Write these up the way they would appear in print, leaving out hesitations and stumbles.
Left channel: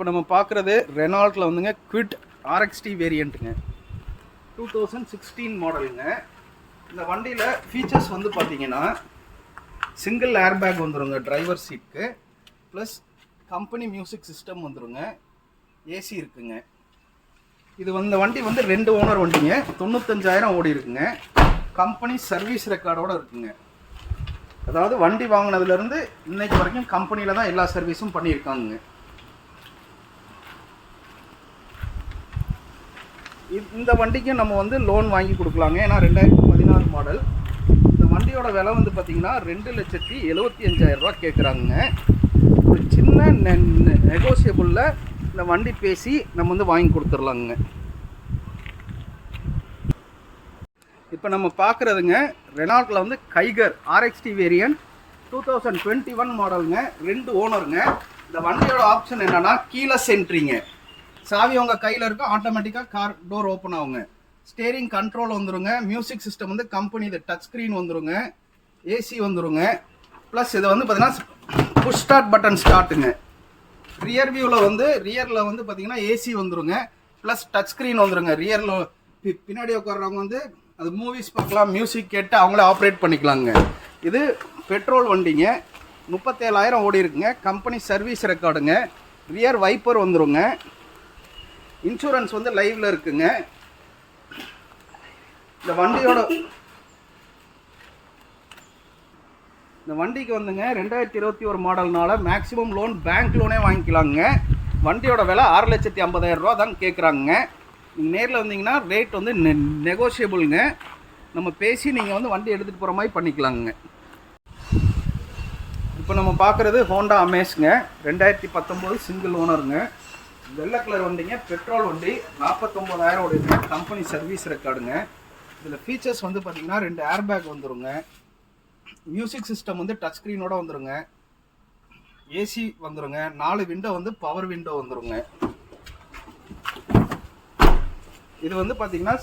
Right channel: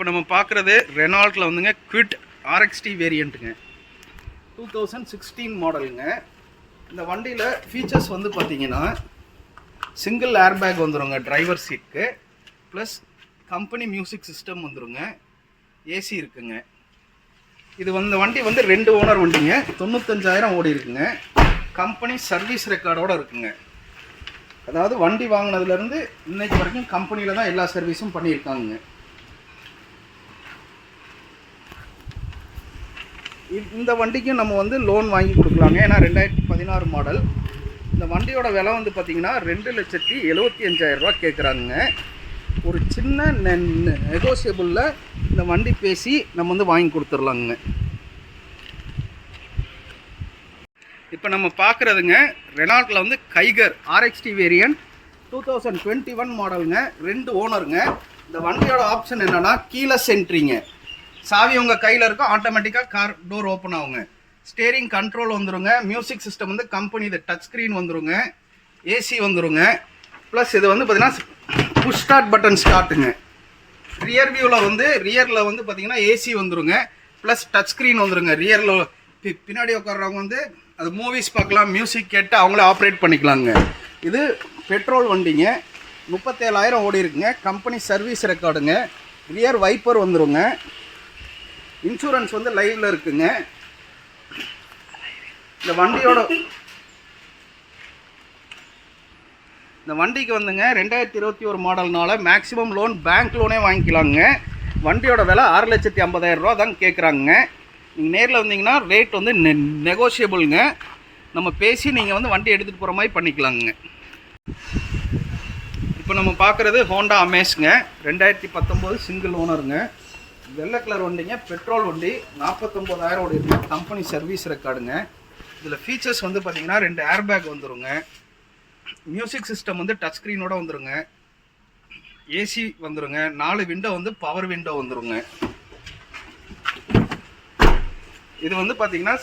இப்போ நம்ம பார்க்குறது ரெனால்ட்டில் வந்துங்க குவிட் ஆர்எக்ஸ்டி வேரியண்ட்டுங்க 2016 மாடலுங்க. இந்த வண்டியில் ஃபீச்சர்ஸ் வந்து பார்த்தீங்கன்னா சிங்கிள் ஏர்பேக் வந்துடுங்க டிரைவர் சீட்டுக்கு, ப்ளஸ் கம்பெனி மியூசிக் சிஸ்டம் வந்துடுங்க, ஏசி இருக்குங்க. இது வந்து வண்டி வந்து 2 ஓனர் வண்டிங்க, 95,000 ஓடி இருக்குங்க. கம்பெனி சர்வீஸ் ரெக்கார்டோடு இருக்குங்க. அதாவது வண்டி வாங்கினதுலேருந்து இன்னைக்கு வரைக்கும் கம்பெனியில் தான் எல்லா சர்வீஸும் பண்ணியிருக்காங்க. இந்த வண்டிக்கும் நம்ம வந்து லோன் வாங்கி கொடுக்கலாங்க. ஏன்னா 2016 மாடல். இந்த வண்டியோட விலை வந்து பார்த்திங்கன்னா 2,75,000 ரூபா கேட்குறாங்க. ஒரு சின்ன நெகோசியபிளில் இந்த வண்டி பேசி நம்ம வந்து வாங்கி கொடுத்துர்லாங்க. இப்போ நம்ம பார்க்குறதுங்க ரெனால்ட்டில் வந்து கைகர் ஆர்எக்ஸ்டி வேரியண்ட் 2021 மாடலுங்க, 2 ஓனருங்க. இந்த வண்டியோட ஆப்ஷன் என்னென்னா கீலெஸ் என்ட்ரிங்க. சாவி உங்கள் கையில் இருக்கும், ஆட்டோமேட்டிக்காக கார் டோர் ஓப்பன் ஆகுங்க. ஸ்டேரிங் கண்ட்ரோல் வந்துருங்க. மியூசிக் சிஸ்டம் வந்து கம்பெனி இது டச் ஸ்க்ரீன் வந்துருங்க, ஏசி வந்துருங்க. ப்ளஸ் இது வந்து பார்த்தீங்கன்னா புஷ் ஸ்டார்ட் பட்டன் ஸ்டார்ட்டுங்க. ரியர் வியூவில் வந்து ரியரில் வந்து பார்த்தீங்கன்னா ஏசி வந்துருங்க, ப்ளஸ் டச் ஸ்க்ரீன் வந்துருங்க. ரியரில் பின்னாடி உட்கார்றவங்க வந்து அது மூவிஸ் பார்க்கலாம், மியூசிக் கேட்டு அவங்கள ஆப்ரேட் பண்ணிக்கலாங்க. இது பெட்ரோல் வண்டிங்க, 37,000 ஓடி இருக்குங்க. கம்பெனி சர்வீஸ் ரெக்கார்டுங்க. ரியர் வைப்பர் வந்துருங்க. இன்சூரன்ஸ் வந்து லைவ்ல இருக்குங்க. இந்த வண்டிக்கு வந்துங்க 2021 மாடல்னால மேக்ஸிமம் லோன் பேங்க் லோனே வாங்கிக்கலாங்க. வண்டியோட விலை 6,50,000 ரூபா தான் கேட்குறாங்க. நீங்கள் நேரில் வந்தீங்கன்னா ரேட் வந்து நெகோஷியபிளுங்க. நம்ம பேசி நீங்கள் வந்து வண்டி எடுத்துகிட்டு போகிற மாதிரி பண்ணிக்கலாங்க. இப்போ நம்ம பார்க்குறது ஹோண்டா அமேஸ்ங்க, 2019 சிங்கிள் ஓனருங்க. வெள்ளை கலர் வண்டிங்க, பெட்ரோல் வண்டி, 49,000 ஓடி இருக்குங்க. கம்பெனி சர்வீஸ் ரெக்கார்டுங்க. இதில் ஃபீச்சர்ஸ் வந்து பார்த்தீங்கன்னா 2 ஏர்பேக் வந்துருங்க. மியூசிக் சிஸ்டம் வந்து டச் ஸ்க்ரீனோட வந்துருங்க, ஏசி வந்துருங்க. 4 விண்டோ வந்து பவர் விண்டோ வந்துருங்க. இது வந்து பார்த்தீங்கன்னா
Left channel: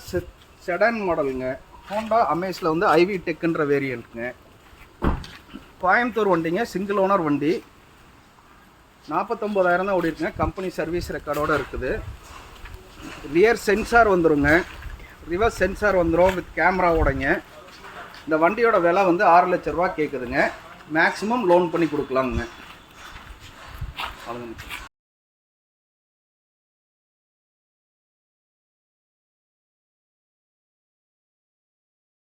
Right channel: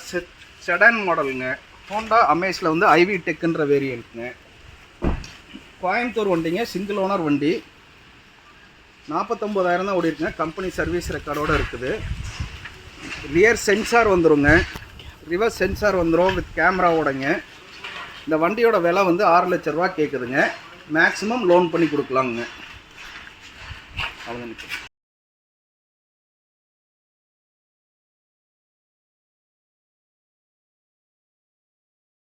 செடான் மாடலுங்க. ஹோண்டா அமேஸில் வந்து ஐவி டெக்குன்ற வேரியண்ட்டுங்க. கோயம்புத்தூர் வண்டிங்க, சிங்கிள் ஓனர் வண்டி, 49,000 தான் ஓடி இருக்குங்க. கம்பெனி சர்வீஸ் ரெக்கார்டோடு இருக்குது. ரியர் சென்சார் வந்துருங்க, ரிவர்ஸ் சென்சார் வந்துடும் வித் கேமராவோடங்க. இந்த வண்டியோட விலை வந்து 6 லட்ச ரூபா கேட்குதுங்க. மேக்ஸிமம் லோன் பண்ணி கொடுக்கலாங்க. அவ்வளோதான்.